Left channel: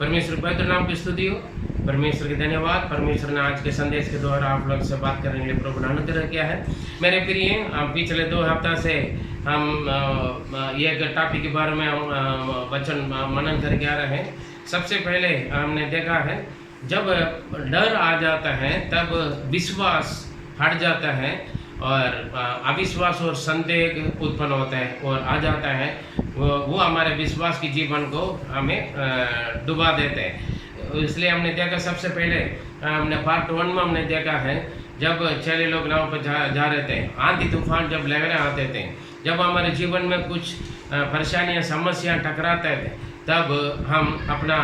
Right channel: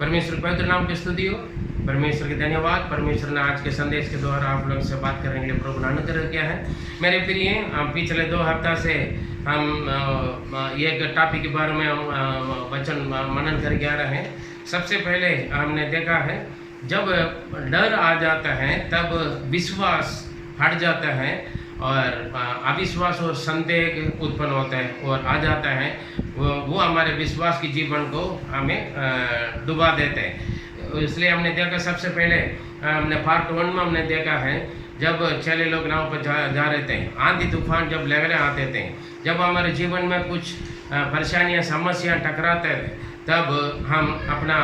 परमेश्वर के पवित्र नाम की स्तुति हो। परमेश्वर के धन्यवाद। परमेश्वर ने आज के संदेश के द्वारा आप लोग से बात करने के लिए प्रभु ने अनुग्रह किया है। मेरे प्रिय, हम पिछले 2 हफ्ता से हम एक टॉपिक के बारे में हम वचन मनन करके आ रहे हैं। सबसे पहले हमने देखा है, जब डर आ जाता है तब विश्वास हट जाता है और अविश्वास और संदेह उत्पन्न होता है और आ जाता है। वो हमारे विश्वास की जीवन को हमें डुबा देते हैं। इसलिए हमने देखा, सबसे पहले हमने पार्ट 1 में हमने देखा है, जब चेले लोग नाव पर जा रहे थे, आंधी तूफान जब लहरें आते थे, जब हमारे जीवन में कुछ परेशानियां समस्याएं टकराते थे, तब हम अपना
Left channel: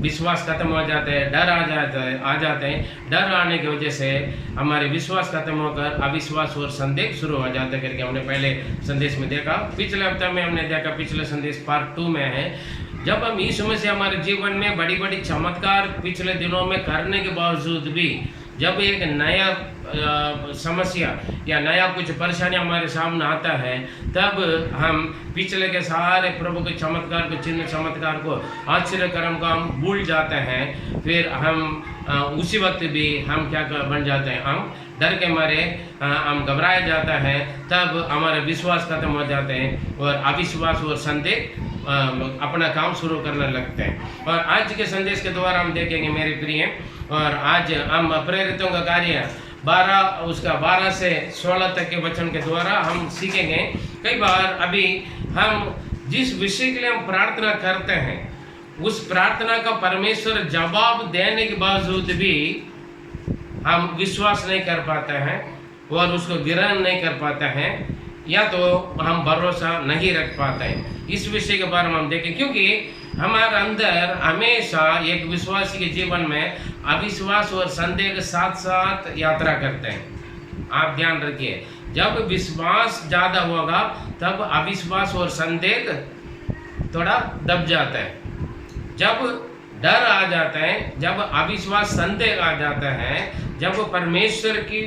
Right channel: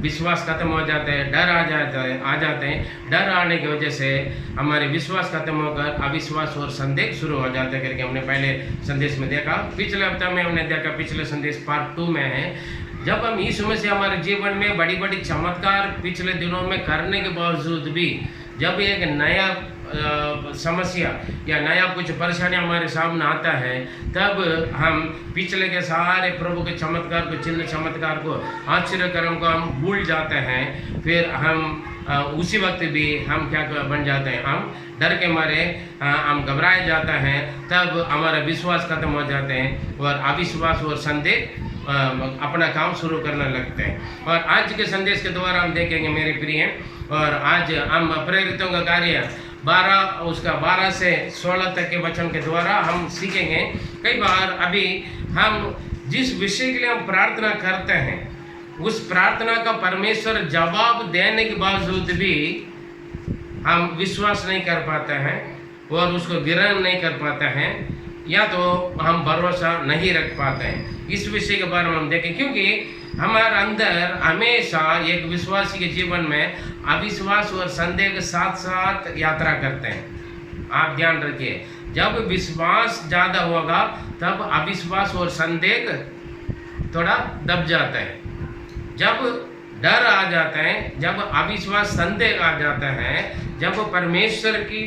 विश्वास खत्म हो जाता है, डर आ जाते हैं। डर आने की वजह से हमारे विश्वास खत्म होकर अविश्वास और संदेह शुरू हो जाता है करके हमने पहले संदेश में देखा। पिछले हफ्ते में हमने देखा, पिछले संदेश पार्ट 2 में है, जब हम यीशु मसीह हमारे जीवन में बड़ी बड़ी चमत्कार पिछले दिनों में करने के बावजूद भी, जब एक नया समस्या या नया कुछ परेशानी हमारे सामने आता है, तब हम पिछले के सारे प्रभु के चमत्कार को, चिन्ह चमत्कार को, आश्चर्य कर्म को हम भूल जाते हैं। फिर हम उसी वक्त भी हम क्या बन जाते हैं, हम डर के मारे हम घबराए जाते हैं। तब हमारा विश्वास खत्म हो जाते हैं और अविश्वास और संदेह अपना काम शुरू करने लगते हैं। और आज के संदेश के द्वारा हम देखेंगे मेरे प्रिय, और आज हम प्रेरितों का कार्य 12 से 16 तक के वचन के द्वारा हम सीखेंगे। कई बार अभी हम जिस विषय के लिए हम प्रार्थना करते हैं, उस प्रार्थना का परमेश्वर जवाब देने के बावजूद भी हम विश्वास नहीं कर पाते हैं और उसको ग्रहण नहीं कर पाते हैं, या तो हम भरोसा नहीं रख पाते हैं। इस विषय के बारे में हम देखें, क्योंकि हमारे अंदर हमेशा एक विश्वासी के जीवन में अविश्वास और संदेह के साथ साथ यात्रा करते हैं। आप ध्यान रखिए, जब विश्वास ज़्यादा होगा तब अविश्वास और संदेह थोड़ा दब जाता है। जब डर आ जाता है, जब अविश्वास संदेह आ जाता है, जब परमेश्वर की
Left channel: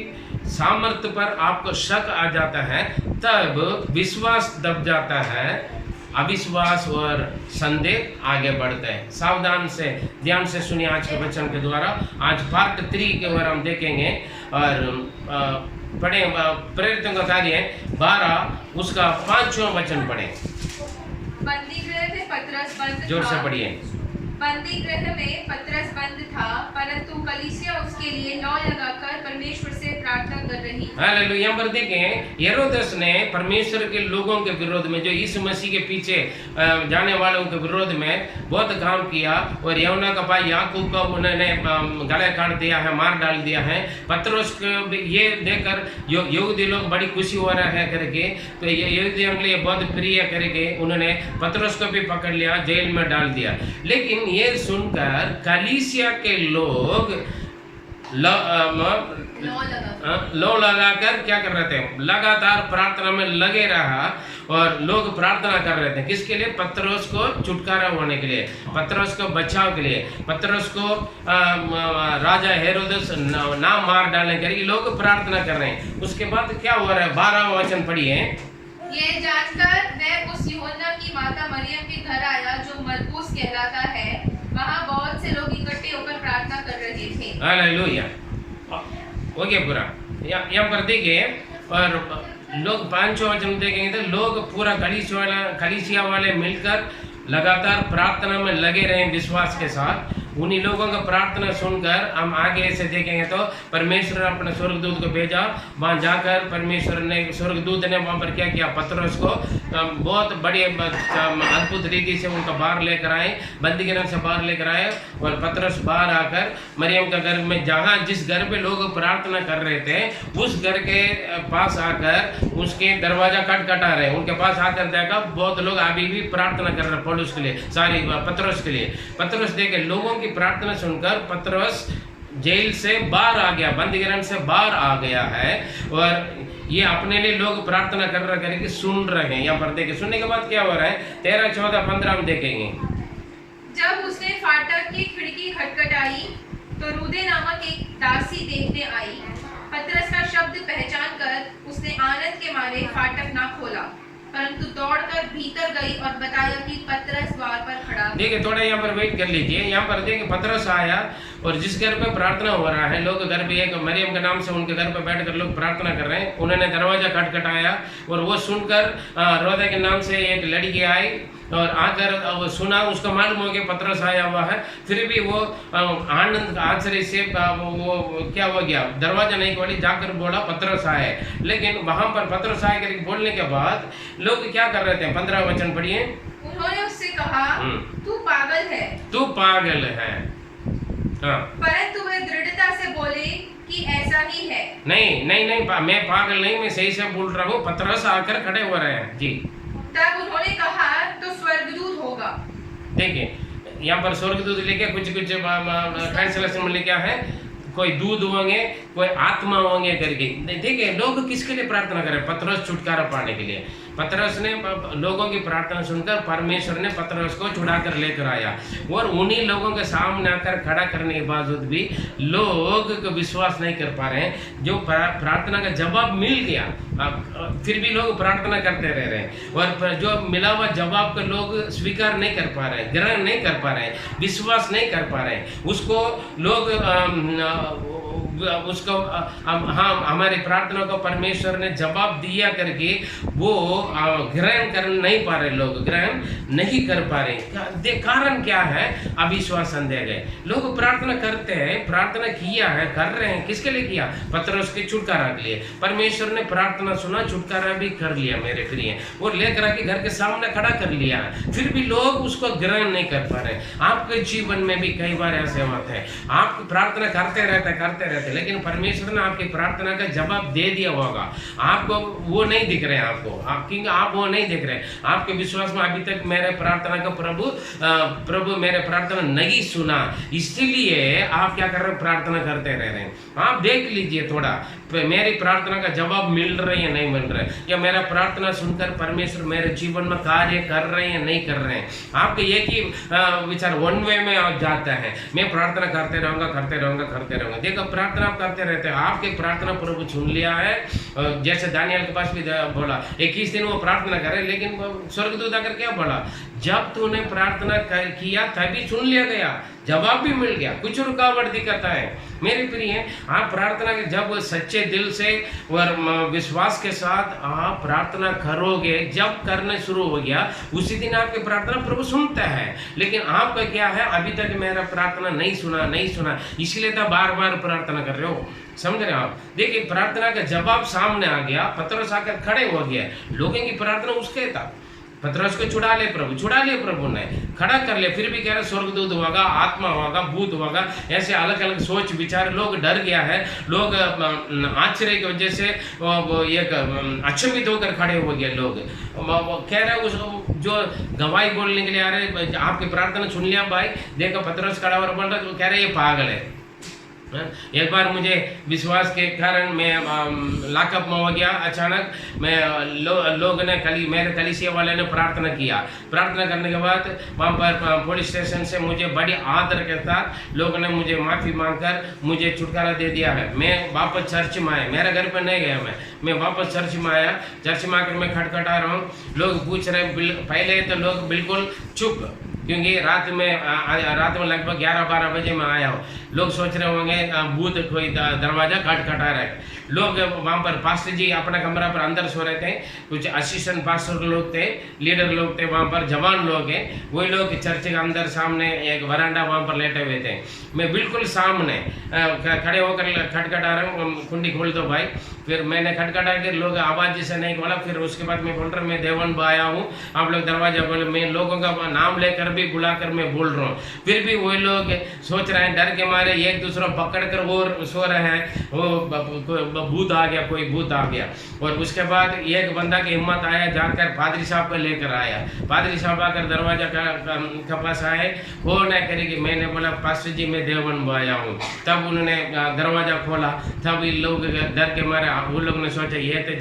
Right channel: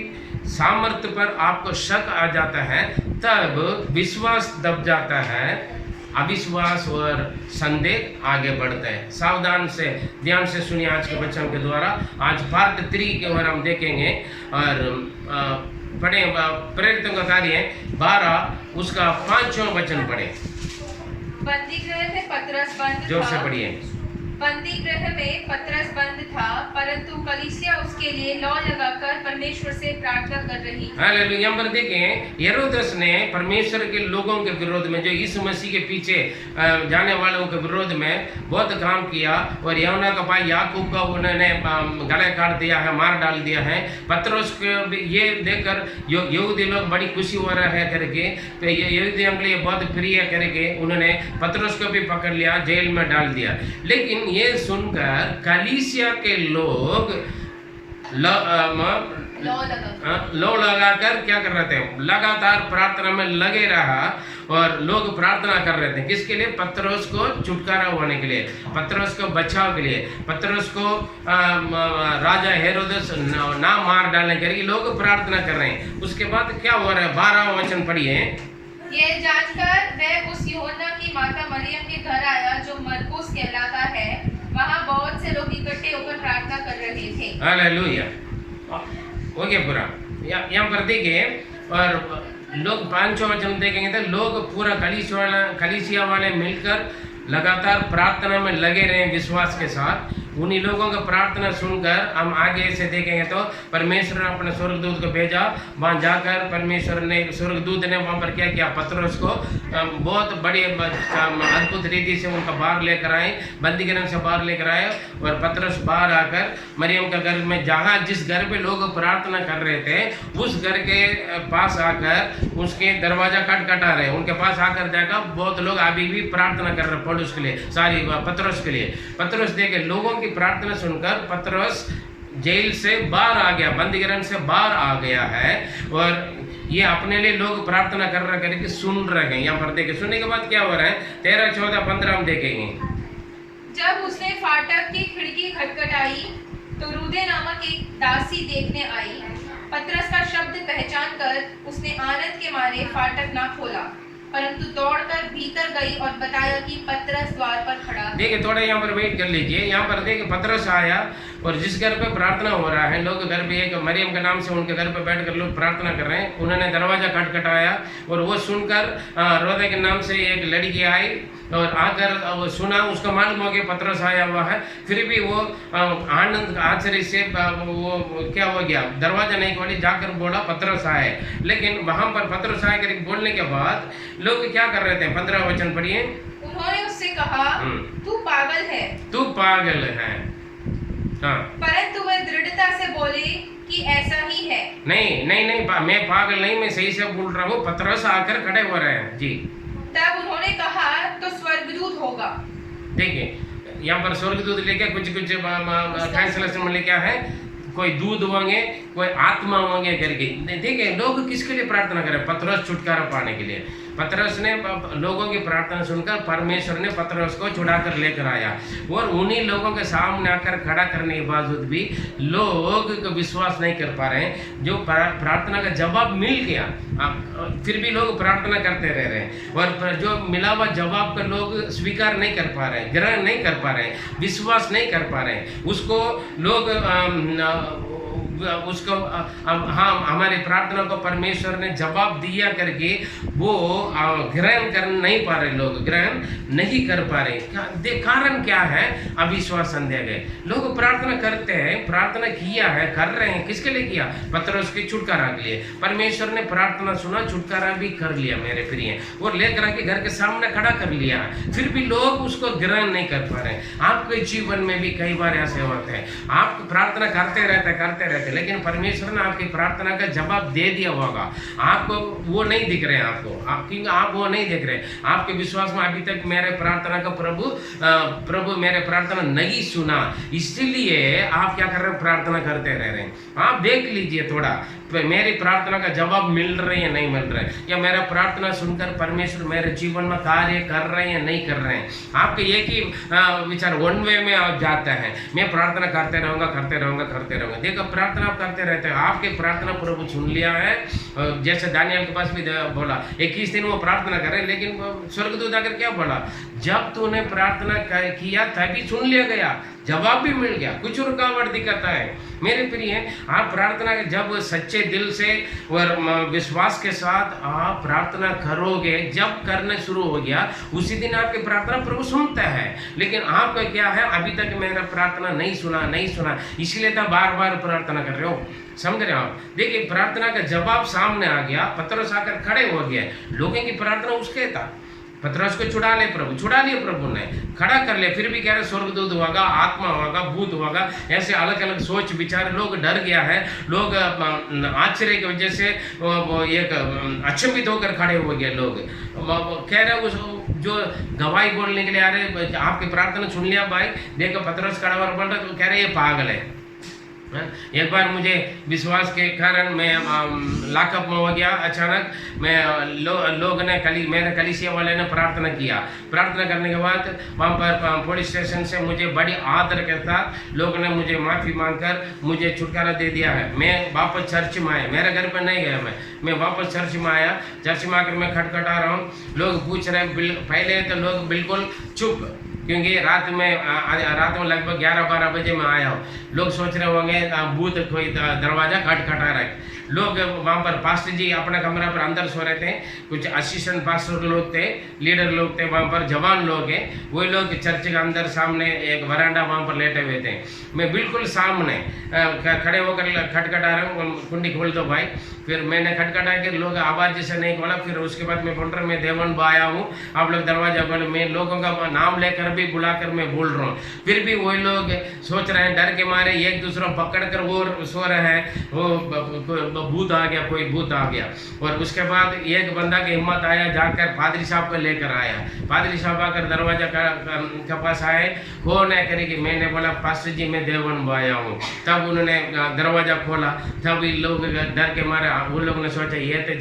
सामर्थ्य पर आपको शक आ जाता है, तब विश्वास दब जाता है, अविश्वास और संदेह आगे बढ़ता है। सावधान से ध्यान से सुनिए आज के वचन के द्वारा। आज पार्ट 3 के बारे हम देखेंगे और पढ़े प्रेरितों का कार्य 12 उसका 5वां वचन पढ़े। बंदी गृह में पतरस बंद जोर से था। पढ़िए। बंदी गृह में पतरस बंद था, परंतु कलीसिया उसके लिए लौ लगाकर परमेश्वर से प्रार्थना कर रही थी। हालेलुया। यहाँ पर देखें, हेरोदेस ने परमेश्वर के लोगों के विरोध में, जो यीशु मसीह के पीछे जाने वालों के विरोध में बहुत काम किया, और यहुन्ना का भाई याकूब का उन्होंने गला काट दिया है, मार डाल दिया है। पतरस को ये देखकर यहूदी लोग बड़ी खुशी हो रहा है करके, तो यहूदियों के लिए बहुत प्रिय करके उन्होंने पतरस को भी पकड़ लिया, जेल में डाल दिया। लेकिन ये सुनकर कलीसिया के लोग लो लगाकर क्या कर रहे थे, लगातार प्रार्थना में लगे रहा, और लोग प्रार्थना कर रहे थे किसके लिए? पतरस को छुटकारा होने के लिए, पतरस को बचाव के लिए, पतरस को राजा हेरोदेस ना मार डालने के लिए लोग प्रार्थना कर रहे हैं। उसके बाद क्या हो रहा है? 12वां वचन पढ़िए। ये जांचकर वह उस यूहन्ना की माता मरियम के घर आया, जो मरकुस कहलाता है। वहाँ बहुत से लोग इकट्ठे होकर प्रार्थना कर रहे थे। हालेलुया। हो गया पूरा। यहाँ पर देखिए, और लोग 5वां वचन देखेंगे तो लोग पूरा कलीसिया वाले मिलकर लगातार प्रार्थना में लगे रहे विश्वास के साथ। उन्हीं लोगों का प्रार्थना सुनकर हम आगे से देखेंगे तो परमेश्वर ने अपने स्वर्गदूत को भेजा। वहाँ जाकर परमेश्वर ने, स्वर्गदूत ने वहाँ पर क्या किया? पतरस को बहुत बड़ी अद्भुत रीति से उनका बाहर लेकर आए, बंदीगृह से बाहर लेकर आए, और पतरस बाहर आकर मरियम का घर में, जहाँ जिस घर पे लोग प्रार्थना कर रहे थे, उस घर के पास आकर उसके दरवाजा खटखटा रहे। उनके पास आकर देखा बहुत लोग अभी भी प्रार्थना कर रहे पौलुस के लिए, सारी पतरस के लिए। पतरस देखे लोगों की प्रार्थना सुनकर पतरस जेल से बाहर आ गया, बंदीगृह से बाहर आ गया है, और ये अपने लिए लोग प्रार्थना कर रहे करके सुन रहे हैं। यहाँ पर देखें, सुनने के बाद क्या हो रहा है? 13, 14, 15 हम देखेंगे। जब उसने फाटक की खिड़की खटखटाई तो रूदे नामक एक दासी देखने आई। पतरस का शब्द पहचान कर उसने आनंद के मारे फाटक ना खोला, परंतु दौड़कर भीतर गई और बताया कि पतरस द्वार पर खड़ा था। देखिए थोड़ा यहाँ पर वेट कर लीजिए। यहाँ पर देखिए पतरस आया और जिस घर पे प्रार्थना हो रहा है, लोग घर पे, एक मरियम के नाम से उनके घर पे बैठकर लोग प्रार्थना कर रहे हैं, उन्होंने दरवाजा खटखटाया और वो सुनकर रोदा के नाम से एक लड़की आई और आकर वो सुना, उसको मालूम हो गया पतरस आया हुआ है। फिर भी वो आनंद आश्चर्य से वो क्या हो गया, दरवाजा नहीं खोली, जाकर बोला पतरस आए। लेकिन वहां पर पतरस आए करके बोलने के बाद लोग क्या कर रहे थे, 15 वचन पढ़िए। उन्होंने उससे कहा, तू पागल है, तू पागल है। हाँ, परंतु वे दृढ़ता से बोले कि ऐसा ही है। नहीं नहीं नहीं, मैं पागल नहीं, मैं सही से बोल रहा हूँ। पतरस आकर खड़े हो रहे हैं जी। तब उन्होंने कहा, तो स्वर्गदूत होगा। देखिए यहाँ पर स्वर्गदूत लिखे, कुछ ट्रांसलेशन में लिखा है कोई दूध होंगे, कोई आत्मा होंगे करके। देखिए लोग किसके लिए प्रार्थना करें, पतरस छुटकारा पाने के लिए। पतरस ने लोगों की प्रार्थना सुनकर परमेश्वर ने पतरस को छुड़ाकर लेकर आया और उन्हीं लोगों के सामने आकर खड़ा करने के बावजूद भी लोग विश्वास नहीं कर पा रहे हैं। जो प्रार्थना का जवाब मिल गया, फिर भी लोग प्रार्थना करते रह रहे हैं और जो मिला हुआ जवाब को लोग स्वीकार नहीं कर पा रहे हैं, ग्रहण नहीं कर पा रहे हैं, विश्वास नहीं कर पा रहे हैं। उसको लोग उसको हाँ, हमारी प्रार्थना को परमेश्वर ने जवाब दिया करके वो ग्रहण कर नहीं पा रहे, लोग ग्रहण नहीं कर पा रहे। कारण क्या है, अविश्वास संदेह गए। लोग प्रार्थना करते हैं, प्रार्थना किया है, कर रहे हैं, किसके लिए किया, पतरस के छुटकारा के लिए। परमेश्वर ने प्रार्थना सुना, छुटकारा भी कर लिया मेरे प्रिय, और लेकर आके घर के सामने खड़ा कर लिया। फिर भी लोग उसको ग्रहण नहीं कर पा रहे। आपके जीवन में भी कई बार ऐसे होते हैं, आप प्रार्थना करते रहते, लेकिन परमेश्वर ने आपकी प्रार्थना का जवाब दे दिया होगा, आपको वो नहीं दिख रहे हैं, आप वो नहीं देख रहे। आपके विश्वास में अभी तक मेरे प्रार्थना का प्रभु मेरे प्रार्थना नहीं सुना, इसलिए आप क्या कर रहे हो, प्रार्थना करते रह रहे हैं। आप देख लीजिए थोड़ा, मेरी प्रार्थना का जवाब मिल रही है नहीं मिल रहा है, या मेरा प्रार्थना सुनकर परमेश्वर मेरे जीवन में कार्य कर रहे हैं नहीं कर रहे हैं। आपके एक ही विचार वन वे में आप जाता है, मैं प्रार्थना करते रहूंगा। देखो प्रार्थना आप करते रहते हैं, आपके प्रार्थना प्रभु सुन लिया है। जैसे दानियल के पास भी बोला 21 दिन वो प्रार्थना करे, लेकिन स्वर्गदूत आकर क्या बोला, जब तूने प्रार्थना किया तभी सुन लिया गया, जवाब भी मिल गया, कुछ रुकावट दिखाता है। मेरे प्रिय, आप प्रार्थना के जब सच्चे दिल से और विश्वास के साथ आप प्रार्थना करोगे, जब करना शुरू हो गया उसी दिन आपकी प्रार्थना प्रभु सुनता है। लेकिन आपका क्या है, अभी तक मेरा प्रार्थना नहीं सुना, इसलिए तो बार बार प्रार्थना कर रहे हो। समझ रहे हो आप? देखिए प्रार्थना का जवाब सामने आ गया, पतरस आकर खड़े हो गया, लोगों की प्रार्थना उसके था। पतरस को छुड़ा लिया प्रभु ने, खड़ा कर लिया। फिर भी कह रहे स्वर्गदूत होगा, आत्मा होगा, भूत होगा, ऐसे अलग अलग सोच विचार, लोग डर गया है, लोग आश्चर्य की वजह से एक अचंभित होकर खड़े हो गए। लोग कह रहे उस जो गवाही बोलने के लिए आ रहे, आपकी प्रार्थना सुन लिया भाई, देखो पतरस खड़ा और बोल रहा, तो कह रहे ये पागल है। एक बार मुझे विश्वास के कारण मैं लॉकअप में हो गया अचानक। मैं लोग ने मेरे कलीसिया वाले ने प्रार्थना किया। प्रार्थना करने के बाद वहाँ पर पुलिस स्टेशन से मुझे बड़ी आदर के साथ लोगों ने मुझे माफ़ी मांगकर मुझे छुटकारा दे दिया है। मैं वापस चर्च में आया, मेरे घर पर नहीं गया, मैं वापस चर्च में आया। चर्च में आकर मैं खटखटा रहा हूँ, लोग पूछ रहे हैं। पहले तो लोग बिल्कुल चुप, क्योंकि रात में लगभग 11-12 बजे मैं आया हूँ। लोग सोच रहे होंगे भूत कोई दरवाज़ा खटखटा रहा है। लोग वहाँ पर पास्टर जी अपना कमरा पर अंदर सो रहे थे, कुछ असिस्टेंट पास्टर लोग थे, लीडर लोग थे, वहाँ पर जवान लोग हैं, वही लोग चर्च के अंदर सामने एक वरांडा वहाँ पर लेटे हुए थे। मैं बिल्कुल सामने खड़े होकर खटखटा रहा हूँ, कुंडी खोल दो भाई। फिर मैंने खटखटा के लोग आवाज़ जैसे नहीं खोला। फिर उसके बाद मैं बोल रहा हूँ मैं देवन बा आया हूँ, आप लोग दरवाज़ा खोले। मैं लोगों का नाम लेकर भी बुलाकर मैं बोल रहा हूँ, फिर भी वही लोग सोच रहे हैं, डर के मारे एक दूसरे पकड़ कर वो सो रहे हैं, वो भूत आ गया, कोई भूत आ गया। और उसके बाद एक बंदा की हिम्मत आया, जाकर पादरी साहब को लेकर आया। पादरी साहब आकर दरवाजा के पास आए, कौन है करेगी। मैंने बोला पास्टर जी मैं देवन बा आया हूँ। तब उन्होंने दरवाजा खोला, तब लोग डर के मारे, वो लोग ने सोचा ये तो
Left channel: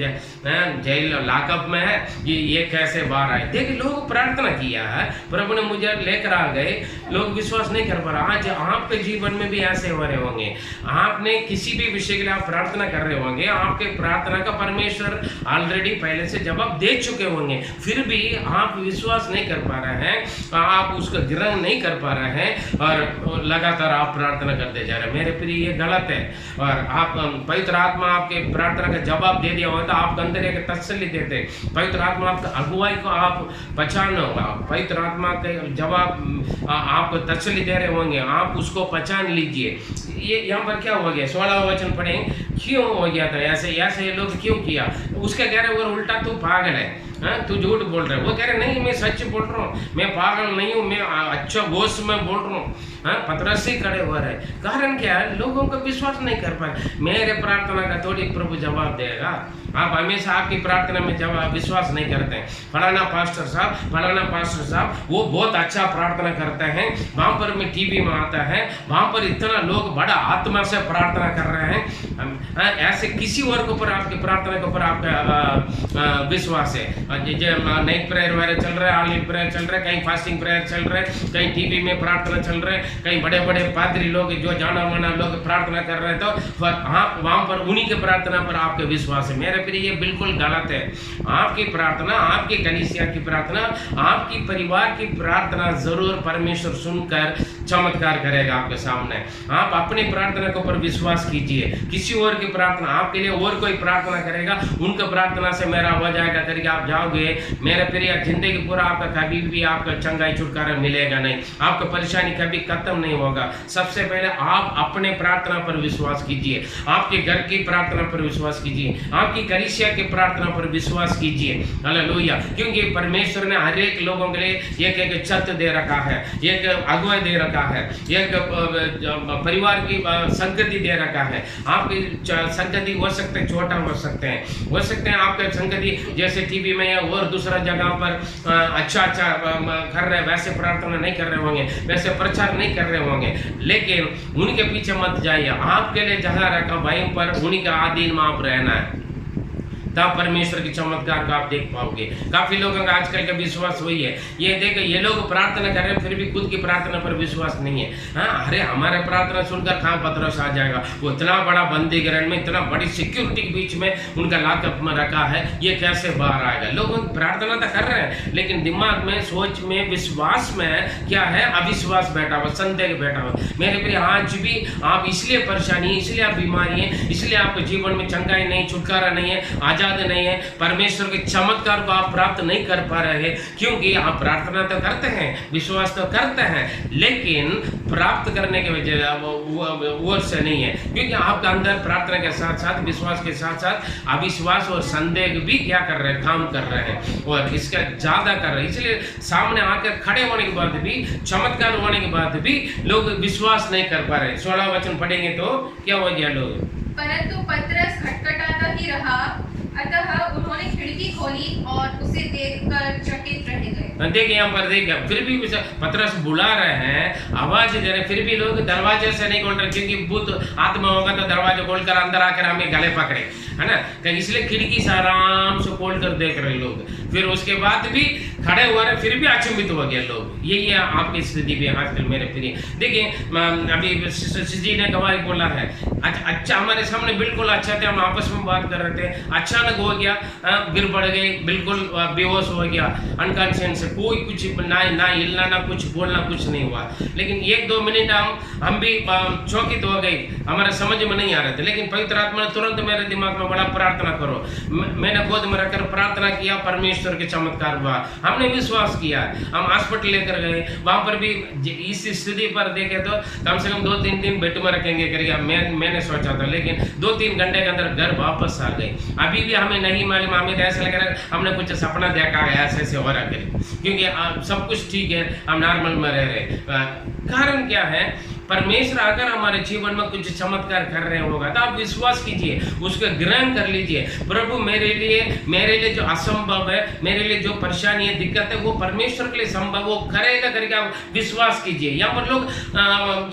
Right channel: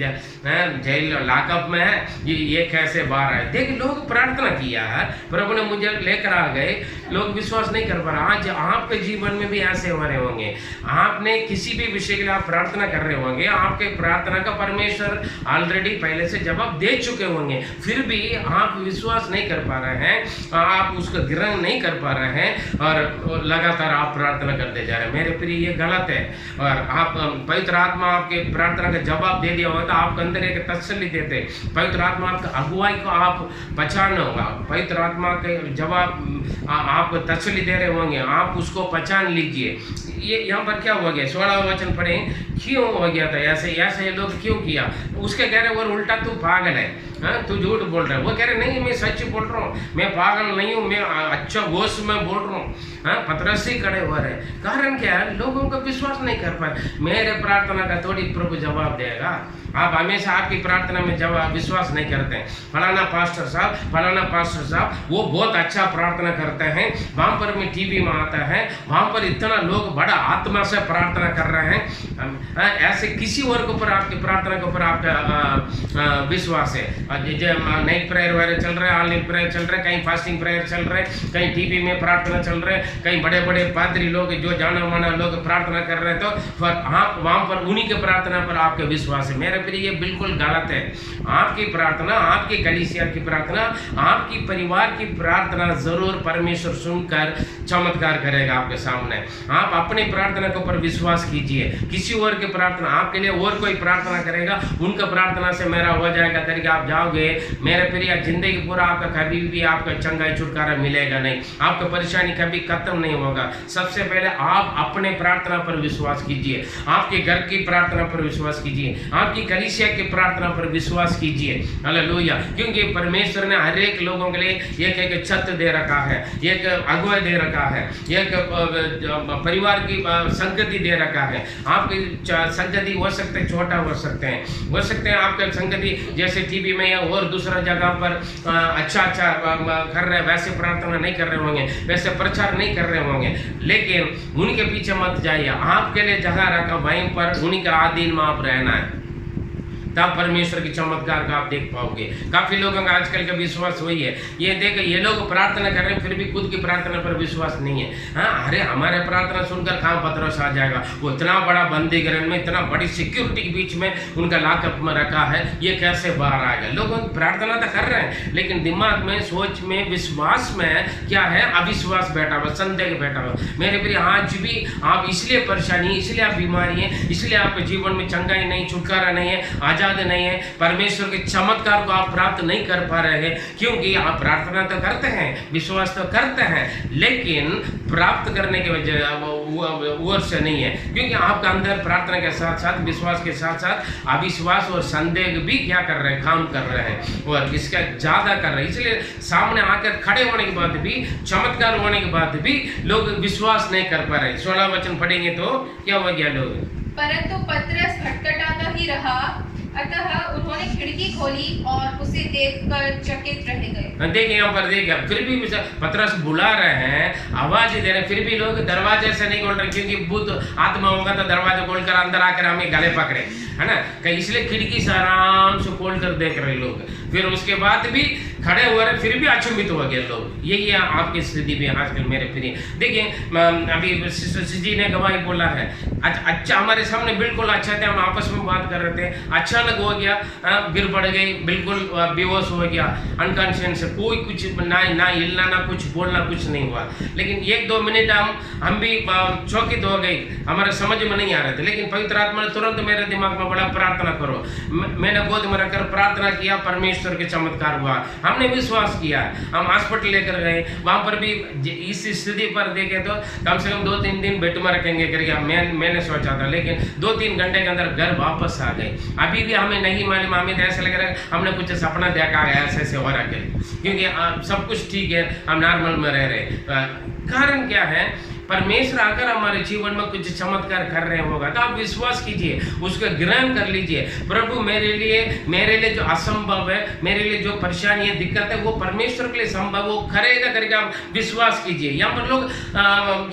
जेल लॉकअप में है, ये कैसे बाहर आए। देखिए लोग प्रार्थना किया है, प्रभु ने मुझे लेकर आ गए, लोग विश्वास नहीं कर पा रहे। आज आपके जीवन में भी ऐसे हो रहे होंगे, आपने किसी भी विषय के लिए आप प्रार्थना कर रहे होंगे, आपके प्रार्थना का परमेश्वर ऑलरेडी पहले से जवाब दे चुके होंगे, फिर भी आप विश्वास नहीं कर पा रहे हैं, आप उसको ग्रहण नहीं कर पा रहे हैं और लगातार आप प्रार्थना करते जा रहे हैं। मेरे प्रिय, ये गलत है। और आप पवित्र आत्मा आपके प्रार्थना का जवाब दे दिया होता, आपके अंदर एक तसल्ली देते, पवित्र आत्मा आपका अगुवाई को आप पहचान होगा, पवित्र आत्मा के जवाब आपको तसल्ली दे रहे होंगे, आप उसको पहचान लीजिए। ये यहाँ पर क्या हो गया, 16वां वचन पढ़ें, क्यों हो गया था ऐसे, ऐसे ये लोग क्यों किया? उसके कह रहे वो उल्टा तू पागल है, हाँ तू झूठ बोल रहा है। वो कह रहे नहीं मैं सच बोल रहा हूँ, मैं पागल नहीं हूँ, मैं अच्छा गोश में बोल रहा हूँ। हाँ, पतरस ही खड़े हुए रहे। कारण क्या है? लोगों को विश्वास नहीं कर पा रहे। मेरे प्रार्थना का थोड़ी प्रभु जवाब देगा। आप हमेशा आपकी प्रार्थना में जवाब विश्वास नहीं करते हैं। फलाना पास्टर साहब वो बहुत अच्छा प्रार्थना करते हैं, वहाँ पर मैं टीवी में आता है, वहाँ पर इतना लोग बड़ा आत्मा से प्रार्थना कर रहे हैं। ऐसे किसी और के ऊपर आपकी प्रार्थना के ऊपर आपका विश्वास है। नाइट प्रेयर वगैरह चल रहा है, ऑल नाइट प्रेयर चल रहा है, कहीं फास्टिंग प्रेयर चल रहा है, कहीं टीवी में प्रार्थना चल रहे हैं, कहीं बड़े बड़े पादरी लोग जो जाना माना लोग प्रार्थना कर रहे हैं, तो आप वहाँ पर उन्हीं के प्रार्थना पर आपका विश्वास है। मेरे प्रिय, ये बिल्कुल गलत है। आपकी प्रार्थना, आपकी कलीसिया की प्रार्थना, आपकी परिवार की प्रार्थना जरूर परमेश्वर सुनकर चमत्कार करेगा आपके सामने। आप अपनी प्रार्थना के ऊपर विश्वास कीजिए। किसी और की प्रार्थना, आपके लिए और कोई प्रार्थना करेगा, उनका प्रार्थना से मेरा हो जाएगा करके आप जाओगे, मेरे प्रिय, जिंदगी पूरा आपका कभी भी आपका चंगाई छुटकारा मिलेगा नहीं, आपका परेशानी कभी खत्म नहीं होगा। सबसे पहले आप अपने प्रार्थना पर विश्वास कीजिए, आपके घर की प्रार्थना पर विश्वास कीजिए, आपकी कलीसिया की प्रार्थना पर विश्वास कीजिए। हालेलुया। क्योंकि परमेश्वर ने हर एक लोगों के लिए एक छत दे रखा है, एक अगुवाई दे रखा है, एक परिवार की संगति दे रखा है। आपकी संगति हो सकते हैं, छोटा हो सकते हैं आपके संगति जैसे टीवी में या और दूसरा जगह पर अच्छा कर रहे, वैसे प्रार्थना नहीं कर रहे होंगे, वैसे प्रचार नहीं कर रहे होंगे, लेकिन उनके पीछे मत जाइए। आपके लिए जगह रखा वहीं पर उन्हीं का अधीन में आप रहना है, तब परमेश्वर की चमत्कार को आप देख पाओगे। काफी लोगों का आजकल का विश्वास वही है, ये देखो ये लोग प्रार्थना कर रहे हैं फिर भी खुद की प्रार्थना पर विश्वास नहीं है। हाँ, अरे हमारे प्रार्थना सुनकर कहाँ पतरस आ जाएगा, वो इतना बड़ा बंदी गृह में, इतना बड़ी सिक्योरिटी के बीच में उनका लॉकअप में रखा है, ये कैसे बाहर आएगा? लोग प्रार्थना तो कर रहे हैं, लेकिन दिमाग में, सोच में, विश्वास में क्या है? अविश्वास बैठा हुआ, संदेह बैठा हुआ। मेरे प्रिय, आज भी आप इसलिए परेशानी, इसलिए आप बीमारी है, इसलिए आपके जीवन में चंगाई नहीं, छुटकारा नहीं है, आजाद नहीं है, परमेश्वर के चमत्कार को आप प्राप्त नहीं कर पा रहे हैं, क्योंकि आप प्रार्थना तो करते हैं, विश्वास तो करते हैं, लेकिन प्राप्त करने के वजह वो से नहीं है, क्योंकि आपका अंदर प्रार्थना के साथ साथ, विश्वास के साथ साथ अविश्वास और संदेह भी क्या कर रहे हैं? काम कर रहे हैं, और इसका ज्यादा कर रहे हैं। इसलिए सामने आकर खड़े होने के बाद भी, चमत्कार होने के बाद भी लोग विश्वास नहीं कर पा रहे। 16 वचन पढ़ेंगे तो क्या हो गया लोग? परंतु पतरस खटखटाता ही रहा, अतः उन्होंने खिड़की खोली और उसे देखकर चकित रह गए। देखिए यहाँ पर देखिए, फिर भी पतरस बुला रहे हैं, आवाज दे रहे हैं, फिर भी लोग दरवाजे से नहीं खोल रहे, क्योंकि भूत आत्मा होगा तो दरवाजा खोलकर अंदर आकर हमें गले पकड़े, है ना? इसलिए खिड़की से आराम से खोल कर देख रहे लोग। फिर उसके बाद भी खड़े हुए रहे, फिर भी अचंभित हो गए लोग। यही आपकी स्थिति भी आजकल मेरे प्रिय। देखिए अभी जी ने गवाही बोला है, अच्छा हमारे सामने बिल्कुल अच्छा थे, हम आपस में बात कर रहे थे, अचानक हो गया, गिर पड़ गए, बिल्कुल बेहोश हो गया, अनकॉन्शियस, कोई कुछ ना हिलना, ना कुछ बोलना, कुछ नहीं हुआ। लेकिन 1-2 मिनट हम भी चौकित हो गए, हमारे समझ में नहीं आ रहे थे, लेकिन पवित्र आत्मा ने तुरंत मेरे दिमाग में बड़ा, प्रार्थना करो। मैंने गोद में रखकर प्रार्थना किया, परमेश्वर के चमत्कार हुआ, हमने विश्वास किया। हम हॉस्पिटल लेकर गए, वहां पर भी इस स्थिति पर देखे तो कम से कम 2-3 दिन बेड में रखेंगे करके मैंने सोचा था, लेकिन 2-3 घंटे के अंदर घर वापस आ गए। अभी भी हमें नहीं मालूम, हमें तो ऐसा लग रहा है हमने कुछ सपना देखा है, ऐसे हो रहा है, क्योंकि सब कुछ ठीक है, हम नॉर्मल में रह रहे। कारण क्या है? परमेश्वर अगर हमारे जीवन में कुछ चमत्कार कर रहे होगा तो आप विश्वास कीजिए, उसको ग्रहण कर लीजिए। प्रभु मेरे लिए जो असंभव है, मेरे लिए जो परेशानी है, दिक्कत है, वो परमेश्वर के लिए संभव, वो करेगा करके आप विश्वास कीजिए। यहाँ पर लोग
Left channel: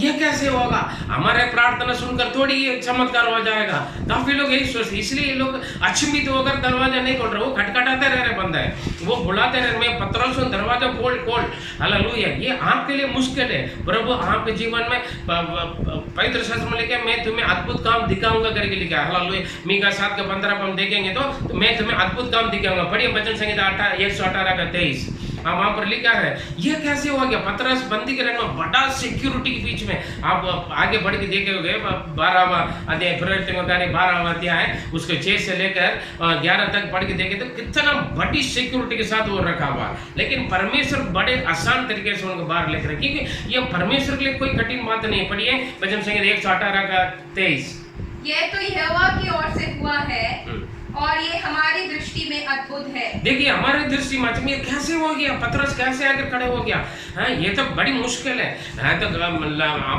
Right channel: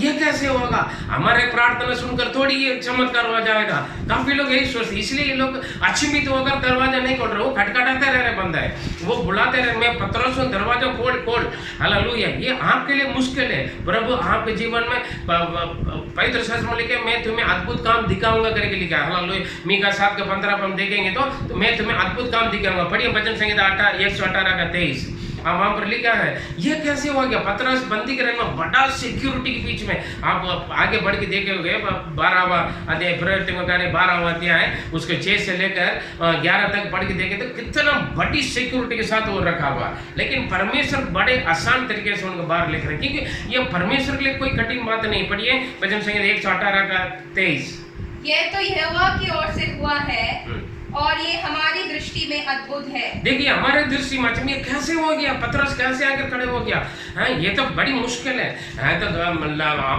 ये कैसे होगा, हमारे प्रार्थना सुनकर थोड़ी ये चमत्कार हो जाएगा। काफी लोग यही सोचते, इसलिए ये लोग अचंभित होकर दरवाजा नहीं खोल रहे, वो खटखटाते रह रहे बंदा है, वो बुलाते रहे, मैं पत्रोस हूं, दरवाजा खोल। हालेलुया। ये आपके लिए मुश्किल है, प्रभु आपके जीवन में पवित्र शास्त्र में लिखा है, मैं तुम्हें अद्भुत काम दिखाऊंगा करके लिखा है। हालेलुया। मीका 7:15 पर हम देखेंगे तो मैं तुम्हें अद्भुत काम दिखाऊंगा। पढ़िए भजन संहिता 118:23, वहां पर लिखा है। ये कैसे हो गया? पतरस बंदी करने में बड़ा सिक्योरिटी के बीच में, आप आगे बढ़ के देखे 12वां अध्याय, प्रवर्तन कार्य 12वां अध्याय, उसके 6 से लेकर 11 तक पढ़ के देखे तो कितना बड़ी सिक्योरिटी के साथ वो रखा हुआ। लेकिन परमेश्वर बड़े आसान तरीके से उनको बाहर लेकर, क्योंकि ये परमेश्वर के लिए कोई कठिन बात नहीं। पढ़िए भजन संहिता 118:23, यह तो यहोवा की ओर से हुआ है और ये हमारी दृष्टि में अद्भुत है। देखिए हमारे दृष्टि में ये कैसे हो गया, पतरस कैसे आकर खड़े हो गया है, ये तो बड़ी मुश्किल है। तो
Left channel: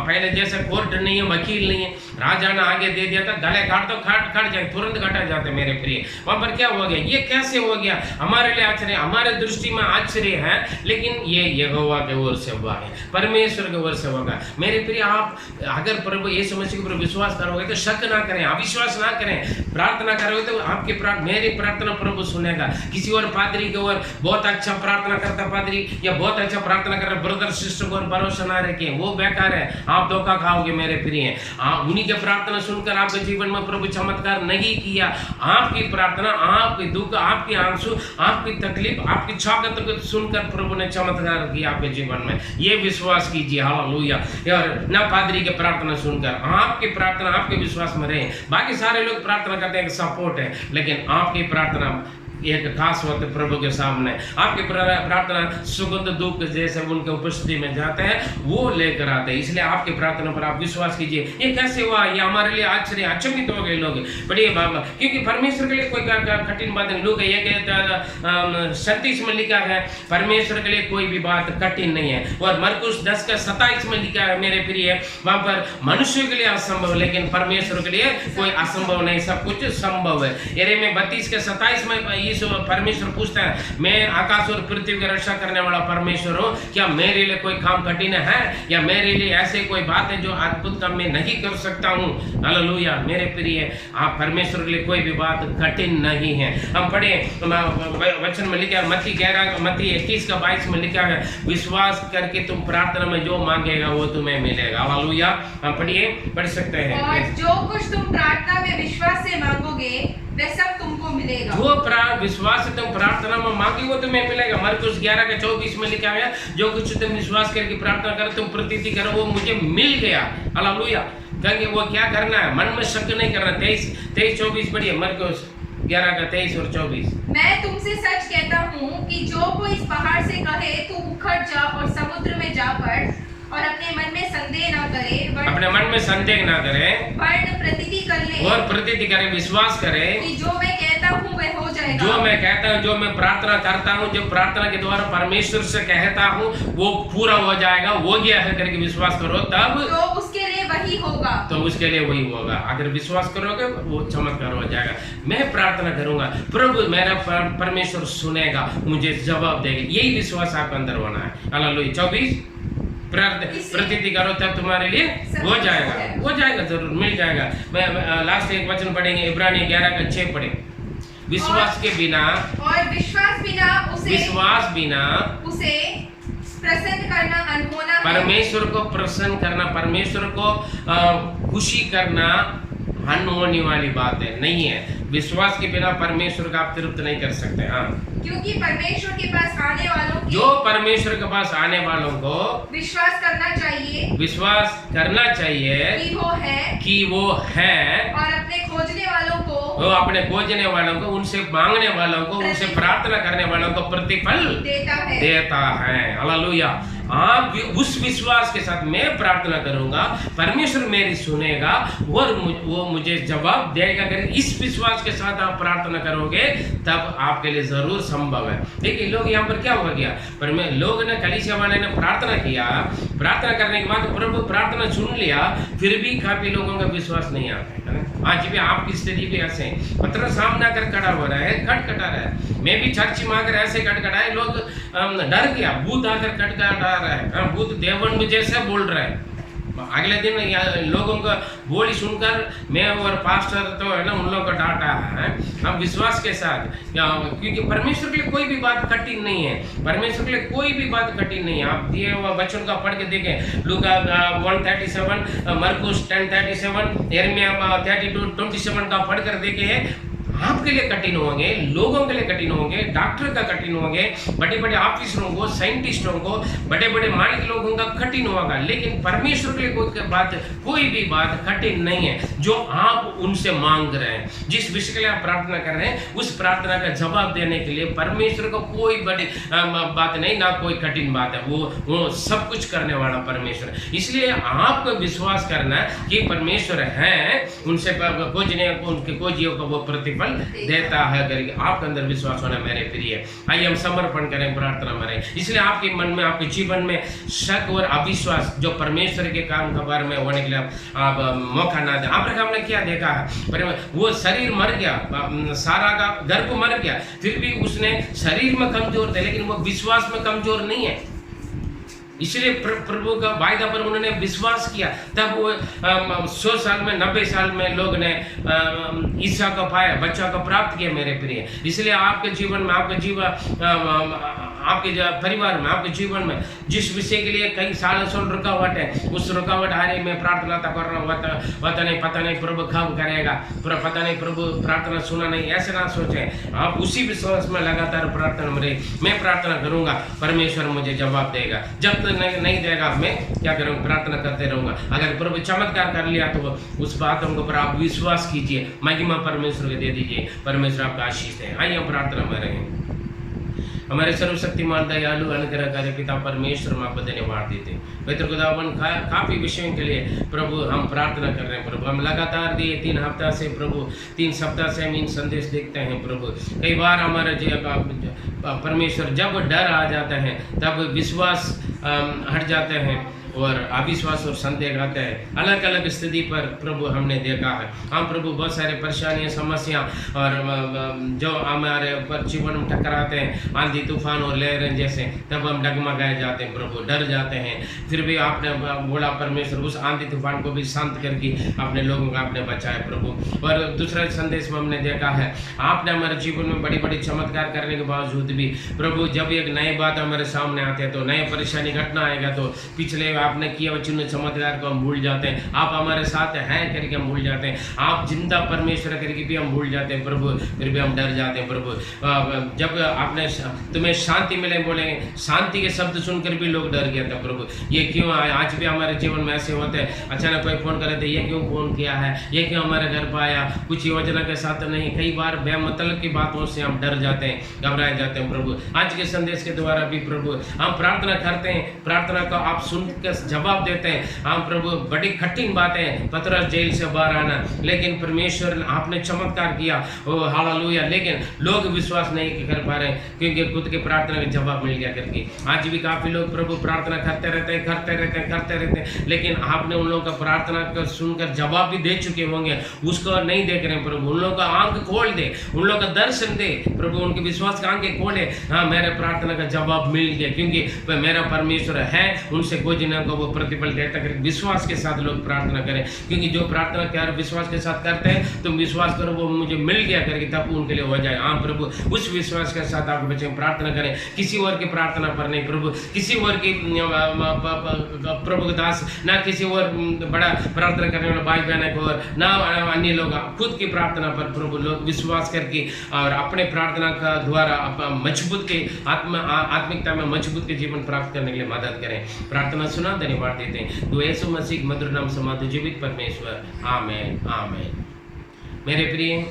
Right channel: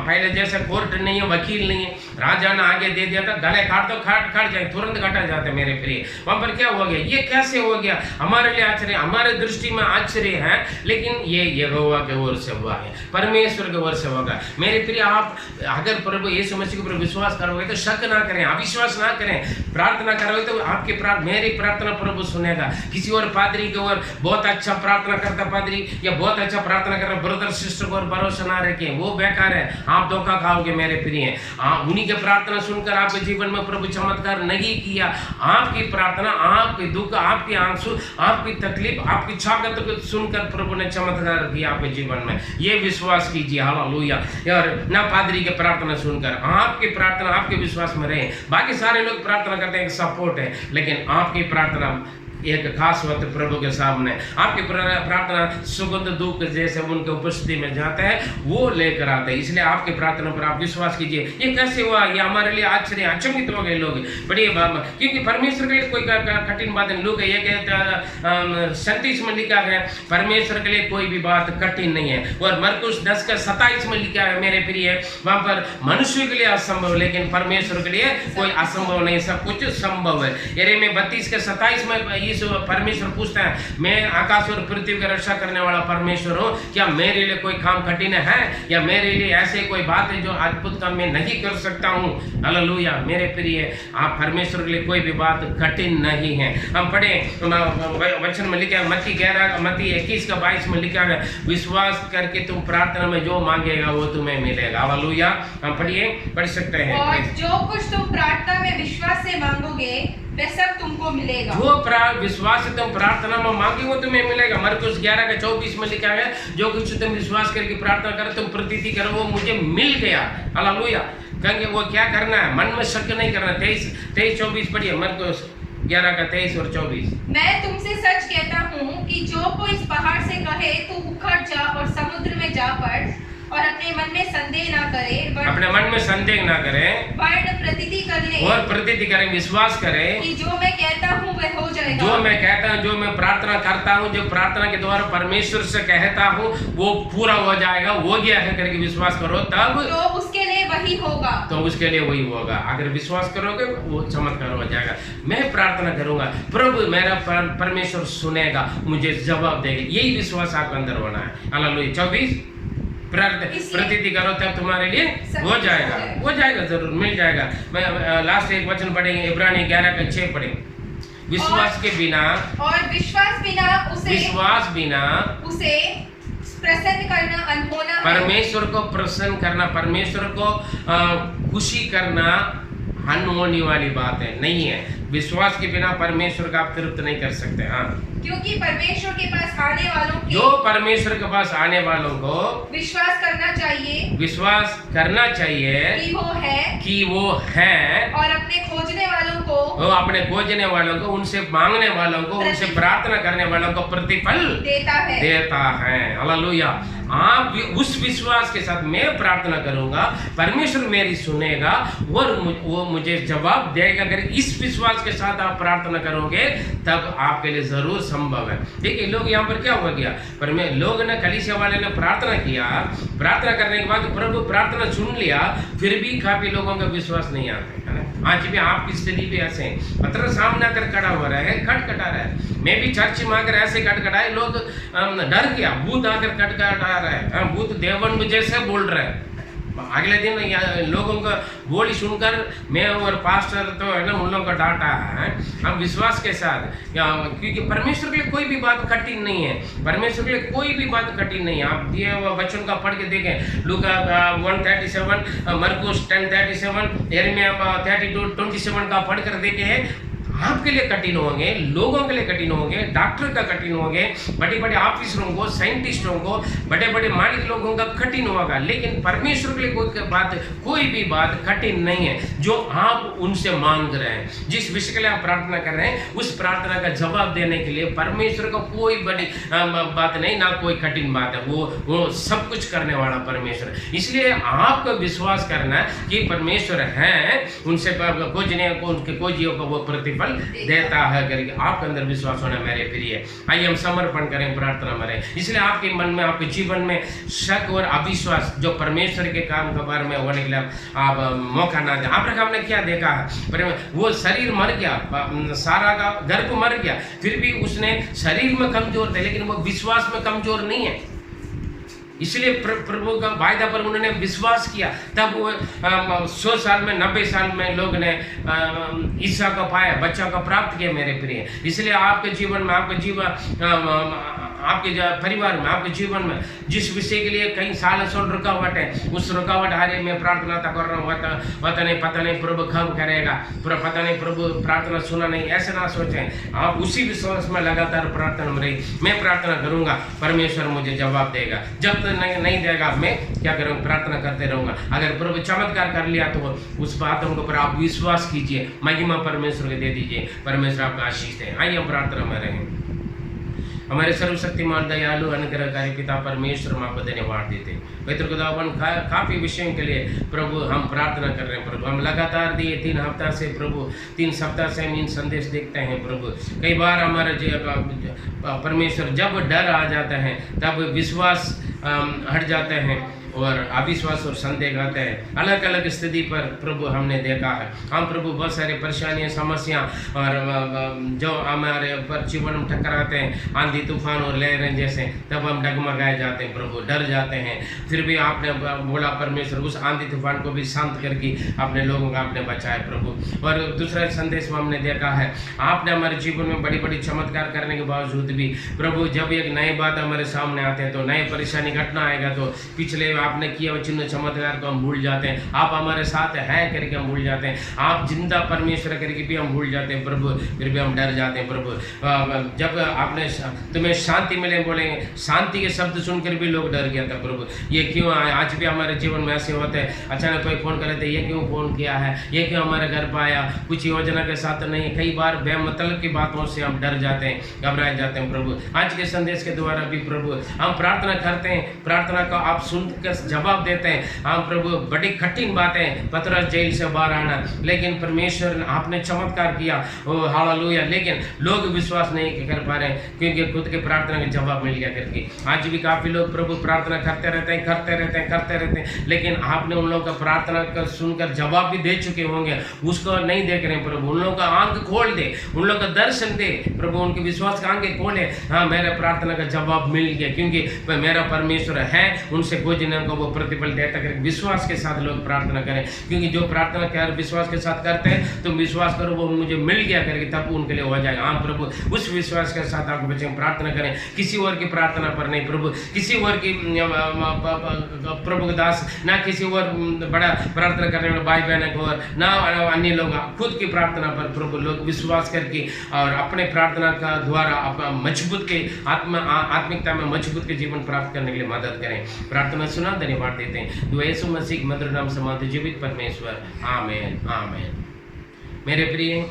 पहले जैसे कोर्ट नहीं है, वकील नहीं है, राजा ने आगे दे दिया था, गले काट दो, काट जाए, तुरंत काटा जाता है मेरे प्रिय। वहां पर क्या हो गया, ये कैसे हो गया? हमारे लिए आश्चर्य, हमारे दृष्टि में आश्चर्य है, लेकिन ये यहोवा के ओर से हुआ है, परमेश्वर के ओर से होगा। मेरे प्रिय, आप अगर प्रभु यीशु मसीह के ऊपर विश्वास करोगे तो शक ना करें, अविश्वास ना करें, प्रार्थना करोगे तो आप मेरी प्रार्थना प्रभु सुनेगा। किसी और पादरी के ओर बहुत अच्छा प्रार्थना करता पादरी या बहुत अच्छा प्रार्थना कर रहा ब्रदर सिस्टर को भरोसा ना रखें, वो बेकार है, आप धोखा खाओगे मेरे प्रिय। उन्हीं के प्रार्थना सुनकर आपके जीवन में प्रभु चमत्कार नहीं किया। आपकी प्रार्थना, आपकी दुख, आपकी आंसू, आपकी तकलीफ, आपकी छागत को सुनकर प्रभु ने चमत्कार किया आपके जीवन में। ये विश्वास कीजिए। हालेलुया। और ना पादरी के प्रार्थना सुनकर, आपकी प्रार्थना आपके विश्वास में रहे। बाकी सारे लोग प्रार्थना करते हैं, सपोर्ट है, लेकिन आपकी प्रार्थना एक खास वक्त प्रभु के सामने, आपकी प्रार्थना सुगंध धूप जैसे उनके उपस्थिति में जाते हैं, वो लेकर आते हैं। इसलिए आपकी प्रार्थना पर आप विश्वास कीजिए। ये कैसे हुआ, ये हमारे लिए आश्चर्य, अचंभित हो गए लोग। बड़ी क्योंकि परमेश्वर के लिए कोई कठिन बात नहीं। लोग ये 37 में लिखा है, परमेश्वर के लिए कोई भी बात कठिन नहीं है। और मरकुस 10:27 में लिखा है मेरे प्रिय, वहां पर मनुष्य के लिए असंभव, लेकिन परमेश्वर के लिए कोई असंभव नहीं, सब कुछ संभव है। यिर्मयाह 32:27 में परमेश्वर पूछता है, मैं आकाश और पृथ्वी की रक्षा करने वाला परमेश्वर हूँ, क्या मेरे लिए कोई काम कठिन है, या मेरे लिए ऐसे कोई बात है जो अद्भुत काम मैं नहीं कर सकता हूँ? हालेलुया। मेरे प्रिय, आप परमेश्वर के लिए कोई भी बात कठिन नहीं है। हम पढ़े वचन में लिखा है, मत्ती 21:22 में लिखा है, विश्वास करके तुम प्रार्थना में जो मांगेगा वो तुम्हें मिलेगा। हालेलुया। हम पढ़ सकते हैं, और जो कुछ तुम प्रार्थना में विश्वास से मांगोगे वह सब तुमको मिलेगा। जो विश्वास से तुम प्रार्थना में मांगे वो तुम्हें मिलेगा। मरकुस 11:24 में लिखा है, जो कुछ तुम विश्वास करके प्रार्थना करो, तुम प्रतीति करो, वो मुझे मिल गया। हालेलुया। कहेंगे वो क्या करना है, मन में शक नहीं करना। 23-24 पढ़िए, मरकुस 11:23 और 24। मैं तुमसे सच कहता हूँ कि जो कोई इस पहाड़ से कहे तू उखड़ जा और समुद्र में जा पड़, और अपने मन में संदेह ना करे, अपने मन में संदेह ना करे, वर्ण प्रतीति कर ले, और प्रतीति करे, विश्वास करे कि जो मैं कहता हूँ वह हो जाएगा। जो मैं कहता हूँ, जो मैं प्रार्थना करता हूँ, जो प्रार्थना के द्वारा परमेश्वर से कहता हूँ, वो पूरा हो जाएगा, हो गया है करके विश्वास करो, तब तो उसके लिए वही होगा। तो उसके लिए वही होगा। अगर विश्वास करोगे वो चमत्कार हो जाएगा। मैं प्रार्थना करूंगा, प्रभु मेरा परमेश्वर सुनेगा, मुझे जवाब देगा। यही विश्वास आपके अंदर होना है। हालेलुया। 24 प्रतीति करो तब तुम्हारे लिए हो जाएगा, जरूर मिल जाएगा। मैं लास्ट एक वचन पढ़ेंगे, इब्रानी 11:6 पढ़े। विश्वास के बिना, और विश्वास बिना उसे प्रसन्न करना अनहोना, परमेश्वर को प्रसन्न करना, परमेश्वर को खुशी करना अनहोनी वाली बात है, नहीं है। विश्वास के बिना परमेश्वर का आप तृप्त नहीं कर सकते। हाँ, क्योंकि परमेश्वर के पास आने वालों की, जो परमेश्वर के पास आने वालों को विश्वास करना चाहिए कि वो है, और अपने खोजने वालों को वो अपने खोजने वालों को, उनसे मांगने वालों को, उनसे प्रार्थना करने वालों को प्रतिफल देता है। हालेलुया। आप उस विश्वास के साथ मैं प्रार्थना करूंगा, परमेश्वर मेरी सुनेगा और वो मुझे जवाब देगा। अगर इस विश्वास के साथ आप प्रार्थना करोगे तब आपके लिए जरूर संभव है। देखिए लोग यहाँ पर क्या हो गया, पर मैं लोग ने, कलीसिया वाले ने प्रार्थना किया, प्रार्थना करने के बाद प्रभु प्रार्थना सुन लिया, फिर भी काफी लोगों का विश्वास नहीं आता है ना। आज भी आपकी स्थिति भी ऐसे है, पत्र सामने आकर खड़ा हो रहा है, खटखटा रहा है। मैं भी चर्च में आकर ऐसे खटखटाए, लोग डर गया, भूत आकर खटखटा रहा है, भूत देवन जैसे बोल रहा है। अगले दिन लोगों का बोली सुनकर मैं और पास्टर तो है ना उन लोगों को डांटा है। हम विश्वास के साथ, क्योंकि परमेश्वर के लिए कोई भी बात कठिन नहीं है, परमेश्वर के लिए कोई भी बात कठिन नहीं है। आप दिए हुआ वचन का पढ़ के देखें, लूका 1:37, मरकुस 10:37, यिर्मयाह 32:27 का पढ़ कर देखे। आपके लिए कठिन होंगे, लोगों के लिए कठिन होंगे, डॉक्टर का कठिन होंगे, बड़े बड़े ऑफिसरों को, साइंटिस्टों को, बड़े बड़े मालिक लोगों का कठिन होगा, लेकिन परमेश्वर के लिए कोई भी बात कठिन नहीं है। जो आप उनसे मांग रहे हैं, जिस विषय के लिए आप प्रार्थना कर रहे हैं, उस प्रार्थना का जवाब देने के लिए परमेश्वर को कोई बड़ी बात नहीं, ना कोई कठिन बात है। वो सब कुछ करने वाला परमेश्वर। इसलिए आपको विश्वास करना कि परमेश्वर है, उनसे खोजने को, उनके खोजियों को वो प्रतिफल देता है करके आपके अंदर विश्वास होना मेरे प्रिय। आइए हम समर्पण करें, प्रार्थना करें। इसलिए आपके मन में, आपके जीवन में शक और अविश्वास जो परमेश्वर के काम के बारे में होने के लिए आप मौका ना दें। अब्राहम ने क्या देखा है, पर वो शरीर मर गया, सारा का गर्भ मर गया, फिर भी उसने शरीर में कमजोर थे, लेकिन वो विश्वास में कमजोर नहीं है। इसलिए प्रभु का वायदा पर उन्होंने विश्वास किया। तब वो 100 साल में, 90 साल में लोग ने ईसा को पाया, बच्चा को प्राप्त किया मेरे प्रिय। इसलिए आपके जीवन में, आपके जीवन, आपके परिवार में, आपके जीवन में जिस विषय के लिए कई साल रुकावट है, उस रुकावट हारे में प्रार्थना तक कर रहा हूँ, पता नहीं प्रभु कब करेगा, पता नहीं प्रभु प्रार्थना सुना नहीं, ऐसे ना सोचें। आप उसी विश्वास में लगातार प्रार्थना में रहिए। मैं प्रार्थना करूंगा, परमेश्वर मुझे जवाब देगा। जब तक नहीं देगा, मैं क्या करूँगा, प्रार्थना करते रहूंगा। अगर प्रभु चमत्कार कर लिया तो उस बातों के ऊपर आप विश्वास कीजिए, महिमा परमेश्वर को दे दीजिए, परमेश्वर आपका आशीष दे। आइए हम प्रार्थना में रहें। हमारे सर्वशक्तिमान दयालु अनुग्रहकारी पिता परमेश्वर, हम आपको धन्यवाद देते हैं। पवित्र खुदावन, काफ़ी विषयों के लिए प्रभु हम प्रार्थना कर रहे हैं। प्रभु हम लगातार दिए 3 हफ्ता से, प्रभु 3 सप्ताह से हम इन संदेश देखते हैं। प्रभु कई बार हमारे परमेश्वर जब डर आ जाता है तब विश्वास हट जाते हैं और अविश्वास और संदेह आते हैं। अलग अलग स्थिति पर प्रभु हमने देखा है। हम प्रभु बहुत सारे परेशानियां, समस्या और जो हमारे पर जीवन में टकराते हैं, आंधी तूफान और लहरें जैसे, तब हम डगमगाए जाते हैं, प्रभु डर जाते हैं। फिर भी आपने बोला परमेश्वर, उस आंधी तूफान को भी शांत करके अपने लोगों को आपने बचाया प्रभु। और दूसरा संदेश में हमने देखा है, आपने हमारे जीवन में बड़ी बड़ी चमत्कार करने के बावजूद भी प्रभु जब एक नई बात हमारे सामने आते हैं, तो नए परेशानी घटना आएगा, तो पिछले आपने किया हुआ चिन्ह चमत्कार को हम भूल जाते हैं। आप हमारे साथ हैं करके हम भूल जाते हैं, आप जिंदा परमेश्वर करके भी हम भूल जाते हैं प्रभु, फिर भी हम डर जाते हैं प्रभु। जब आपने तुम्हें शांति मिले बोलेंगे, शांति के शब्द सुनकर भी लोग डर गया था प्रभु। ये क्यों आज भी हमारे जीवन में ऐसे होते हैं, अचानक कोई फ़ोन करे थे, ये क्यों फ़ोन किया है, ये क्यों हमारे घर पर आया, कुछ योजना के साथ नहीं। कई बार बेमतलब की बातों से हम डर जाते हैं, घबराए जाते हैं प्रभु। आज के संदेश के द्वारा भी प्रभु हम प्रार्थना करते हैं, प्रार्थना को आप सुनकर जवाब देते हैं। हाँ प्रभु, बड़ी कठिन बात है पतरस जेल से बाहर आना, लेकिन परमेश्वर आपने चमत्कार किया, ओ हालेलुया। लेकिन लोग विश्वास नहीं कर पा रहे क्योंकि खुद के प्रार्थना का जवाब मिल गया करके। आज भी काफ़ी लोग प्रभु प्रार्थना करते रहते हैं, लेकिन आपने उन लोगों का प्रार्थना का सुनकर जवाब भी दे चुके होंगे, उसको नहीं देख रहे हैं प्रभु। उन लोगों का आंख खोल दे, उन लोगों का दर्शन दे प्रभु, उनके विश्वास का आंखें खोले। हाँ, मेरे प्रार्थना का जवाब मिल गया क्योंकि मेरा परमेश्वर है, उनसे खोजने को वो प्रतिफल देता करके विश्वास के साथ लोग प्रार्थना करें। क्योंकि जो प्रार्थना कर विश्वास के साथ करते हैं, तुम विश्वास करो वो मुझे मिल गया करके, तब उनके लिए हो जाए। हाँ प्रभु, उस विश्वास के साथ आपके बच्चे प्रार्थना करें, किसी और की प्रार्थना पर नहीं प्रभु, किसी और की प्रभु दास, ना किसी और बड़ा प्रार्थना करने वाले भाई बहन को, और ना अन्य लोग, खुद की प्रार्थना पर प्रभु लोग विश्वास करके और अपने प्रार्थना का द्वारा अपना मजबूत के आत्मिकता में मजबूत के जीवन प्राप्त करने के लिए मदद करें। प्रार्थना सुना, धन्यवाद देते हैं। तो यीशु मसीह मधुर नाम समाधि जीवित परमेश्वर, आमेन आमेन। मेरे प्रिय,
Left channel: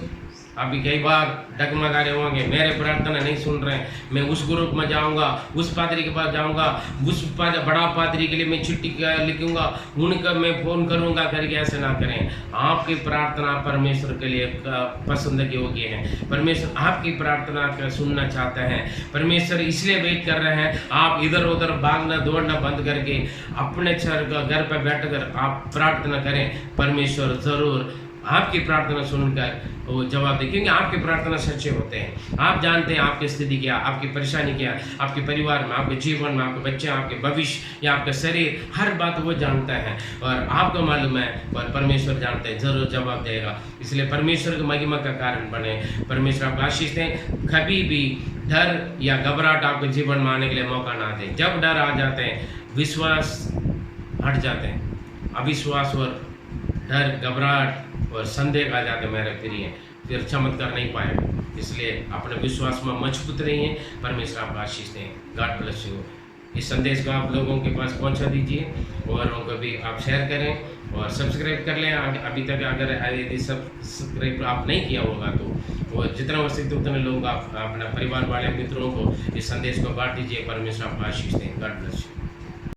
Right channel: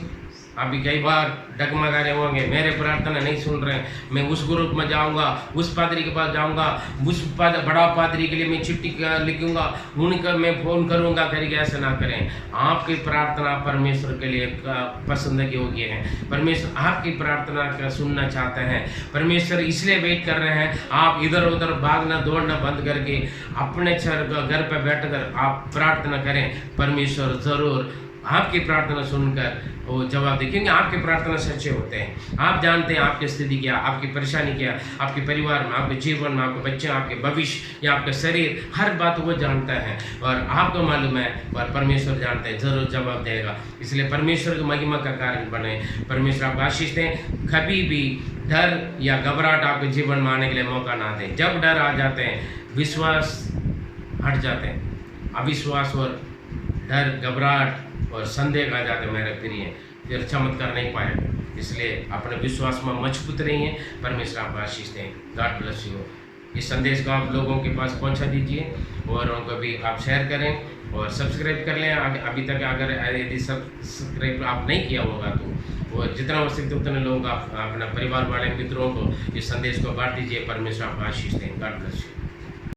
अभी कई बार डगमगा रहे होंगे, मेरे प्रार्थना नहीं सुन रहे हैं, मैं उस ग्रुप में जाऊंगा, उस पादरी के पास जाऊंगा, उस बड़ा पादरी के लिए मैं चिट्ठी लिखूंगा, उनका मैं फ़ोन करूंगा करके ऐसे ना करें। आपकी प्रार्थना परमेश्वर के लिए पसंद के योग्य है। परमेश्वर आपकी प्रार्थना का सुनना चाहते हैं। परमेश्वर इसलिए वेट कर रहे हैं, आप इधर उधर भागना दौड़ना बंद करके अपने घर पर बैठकर आप प्रार्थना करें। परमेश्वर ज़रूर आपकी प्रार्थना सुनकर वो जवाब दे, क्योंकि आपकी प्रार्थना सच्चे होते हैं। आप जानते हैं आपकी स्थिति क्या, आपकी परेशानी क्या, आपके परिवार में, आपके जीवन में, आपके बच्चे, आपके भविष्य या आपका शरीर, हर बात वो जानता है और आपको मालूम है और परमेश्वर जानते हैं, ज़रूर जवाब देगा। इसलिए परमेश्वर की महिमा का कारण बने। परमेश्वर आपको आशीष दें। कभी भी डर या घबराहट आपके जीवन में आने के लिए मौका ना दें। जब डर आ जाते हैं, विश्वास हट जाते हैं, अविश्वास और डर, घबराहट और संदेह आ जाते मेरे प्रिय, फिर चमत्कार नहीं पाएगा। इसलिए अपने विश्वास में मजबूत रहिए। परमेश्वर आपको आशीष दें। God bless you. इस संदेश को आप लोगों के पास पहुंचा दीजिए और उनको भी आप शेयर करें और सब्सक्राइब कर लें। अभी तक अगर यदि सब्सक्राइब आप नहीं किया होगा तो और जितना हो सकते उतने लोग आप अपना परिवार वाले मित्रों को इस संदेश को बांट दीजिए। परमेश्वर आपको आशीष दें। God bless you.